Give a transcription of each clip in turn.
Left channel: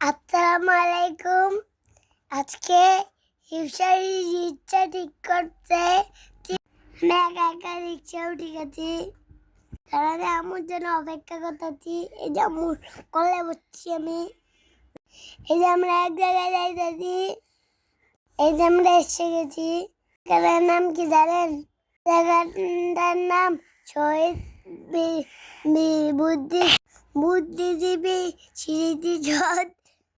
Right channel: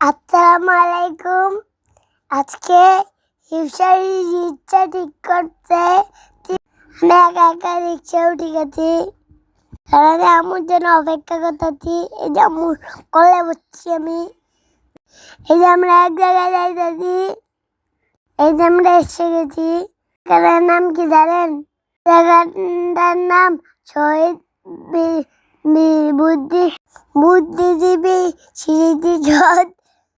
আসসালামু আলাইকুম। আজকে ইফতারির ইচ্ছা ঠিক করতে আমি একা একা রিক্সায় উঠে গেছি। কারণ আম্মুর জন্য অপেক্ষা করতেছি। এই যে আম্মুর কোলে বসছি আমি। এই যে আমরা এক জায়গায় যাইতেছি। এই যে আমরা এসে গেছি। জায়গাটার নাম কি জানেন? জায়গাটার নাম শহীদ বুদ্ধিজীবী স্মৃতিসৌধ।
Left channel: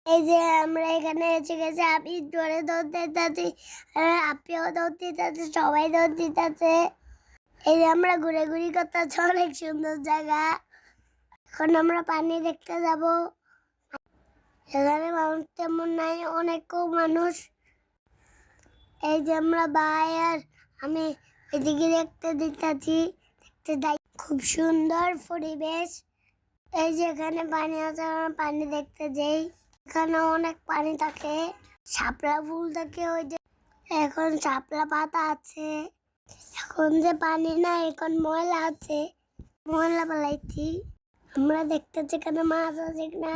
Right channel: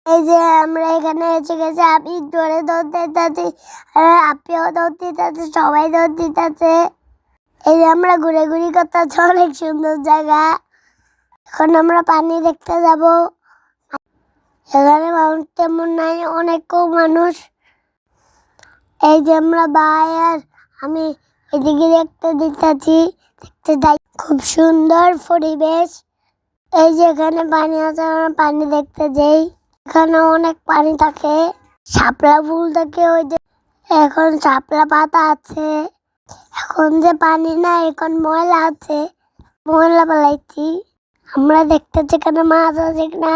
এই যে আমরা এখানে এসে গেছি। আপনি জোরে দৌড় দিতেছি, আপনিও দৌড় দিতেছে, সবাই দৌড় দিতেছে। এই যে আমরা ঘুরে করতেছি, অনেক সুন্দর জায়গা। এখন আমরা পানি দেখতে যাব। এখানে মানুষ তেমন নাই, অনেক কম মানুষ। এই যে আমরা ভাই আর আমি এদিকে দেখতে যাই। খুব সুন্দর পরিবেশ। এই যে এখানে পানি আছে, আমরা পানি দেখতে যাই। এখানে অনেক পানি থাকে, শাপলা ফুল থাকে। ওই যে এখন শাপলা পাতা আছে। এখন যে পানি না, এখন ময়লা আছে, ময়লা পালাইছি। আমরা দেখতেছি এখানে মাছ আছে কিনা।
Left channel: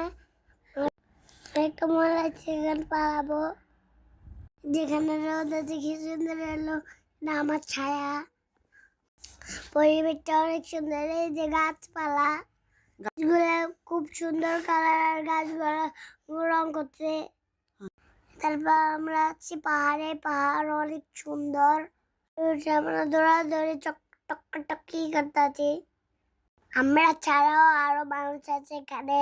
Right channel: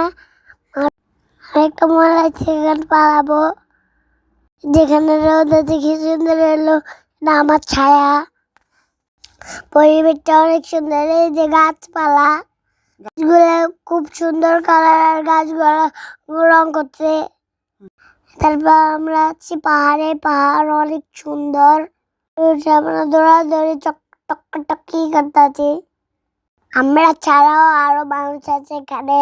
আরেকটা ময়লা আছে, এখানে পালাবো। যেখানে রোদ আছে কি সুন্দর এলো না, আমার ছায়া। পরিবেশটা অনেক সুন্দর। এই যে গাছপালা, গাছগুলো খুব সুন্দর কালার, গাছগুলো রং করছে। তারপর আমরা আছি পাহাড়ে, পাহাড় অনেক সুন্দর। আমরা দৌড়াদৌড়ি টকি করতেছি। আমরা ছাড়াও আরো মানুষ আছে এখানে।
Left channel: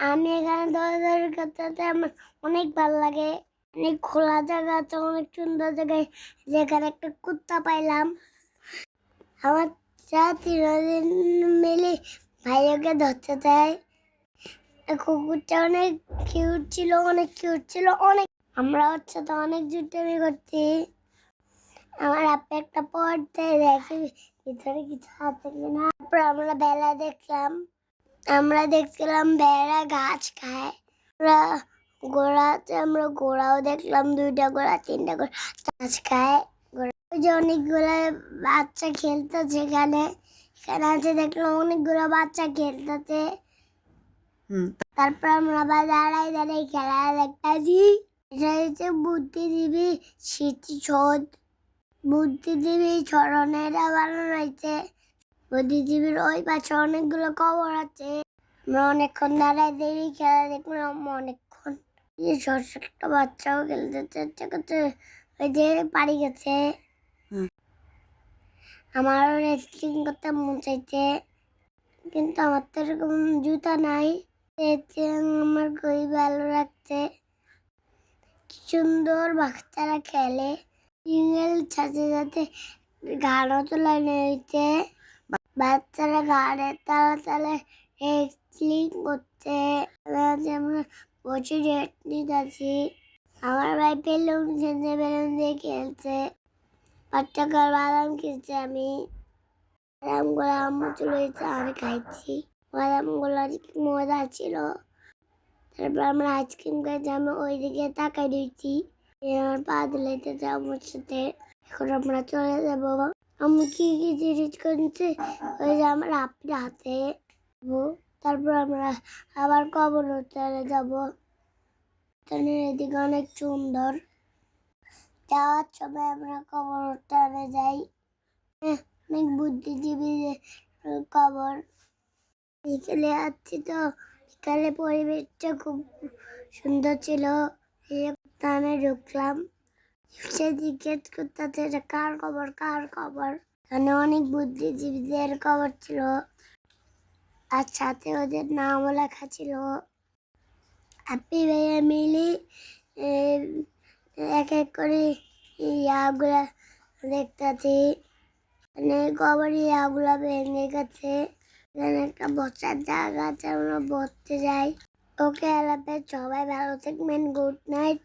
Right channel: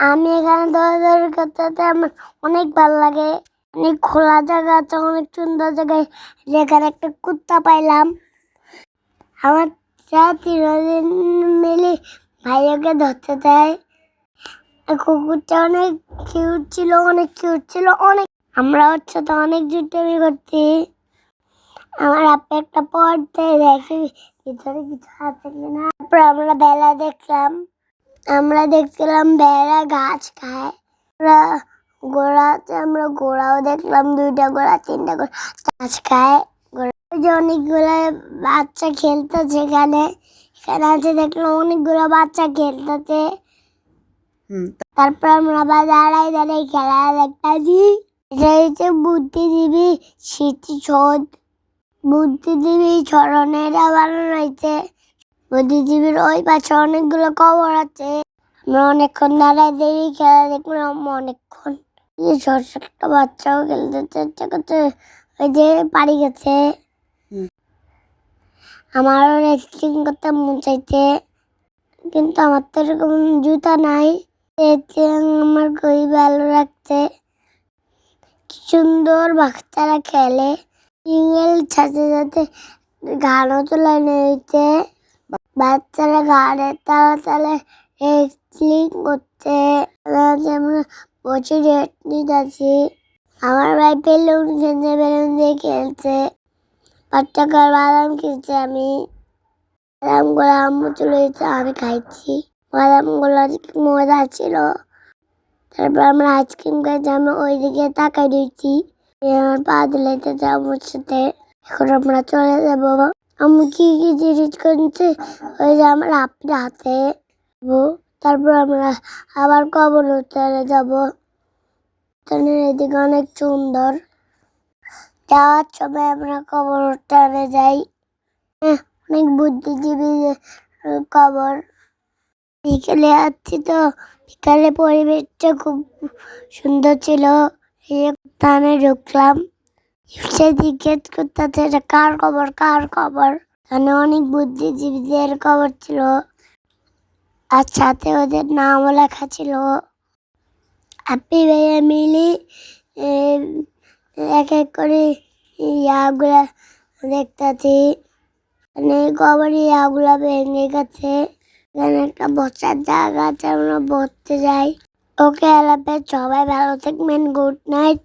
আমি এখানে দৌড়াদৌড়ি করতে আমার অনেক ভালো লাগে। অনেক খোলা জায়গা আছে, অনেক সুন্দর জায়গায়। যেখানে একটা কুত্তা পাইলাম। আমার তিনদিন মিলে ভাইয়াকে ধরতে চাই। কুকুরটা অনেক কিউট ছিল, অনেক। আমরা হচ্ছে তো অনেক জুটামি করছি। আমার আপনি একটা পড়তে দেখি ভিতরে কিছু আছে কিনা। তারপর আমরা বেলা দেখলাম। আমরা দেখছিলাম বেলা গাছ খায়। আমরা গোড়াও দেখলাম, 2টা গোড়া 3টা গোড়া গাছ খায়। ওই যে অনেকগুলো বাচ্চা খেলতেছে এখানে। আছে দেখলাম অনেকগুলো বাচ্চা খেলতেছে। তারপর আমরা আবার দাঁড়াই খেলা দেখতেছি। এটা হচ্ছে বুদ্ধিজীবী স্মৃতিসৌধ। বুদ্ধিজীবী স্মরণের বানানো হয়েছে। বুদ্ধিজীবীর ওই পাশে অনেকগুলো কবর আছে। আমরা অনেকক্ষণ দাঁড়াই খেলা দেখলাম অনেকক্ষণ। এই ছোট একটা বাচ্চাও খেলতে ওই যে পাড়ি গেছে। আমারও রেসলিং করতে মন চাইছে, কিন্তু আমার তো এরকম জুতা নাই। আমার খুবই ভালো লাগছে। কি সুন্দর বাচ্চারা খেলে। সাথে সাথে গানও তোলানো হয়েছে। বাচ্চারা গানের তালে রেসলিং করছে। আমরা বসে রেট নিতেছি। আমার ভাই বেলুন দিয়ে খেলছে। বাচ্চাকার বাদাম খেয়েছে। আমি বাদামগুলো আম্মু তুলেছে, আমি খাইছি। বাদামগুলো মজা ছিল। তারপর আমরা আইসক্রিম খাইছি। আমি ওইদিকে তাকাই দিয়েছি। আমার পা দিলাইতেছে আম্মুর সাথে। এখন আমরা চলে যাবো। আম্মু কি কি জিনিস করছে ওই যে আমার আপনার হাতে। তারপর আমরা আবার কবরস্থানে যাবো। এদিকে অনেক সুন্দর। যাওয়ার সময় আমরা কবরস্থানে যাই। অনেক বুদ্ধিজীবী কবর। বিকেলে আসছি তো, বিকালে পরিবেশটা খুব সুন্দর ছিল। স্থানে ঢুকলাম। সে জিজ্ঞেস করতেছে এটা কার কবর। এখানে অনেক বুদ্ধিজীবীদের কবর ছিল, আর সাথে ওদের নামও লেখা ছিল। আপনি ভাইয়া মিলি এক এক করে ইয়াগুলা দেখতেছি। কবর ইয়াগুলা ভেঙে গেছে। এখানে একটা বসার জায়গা আছে, আমরা বসতে যাই। ওকে আল্লাহ হাফেজ, সবাই ভালো থাকবেন। Good night.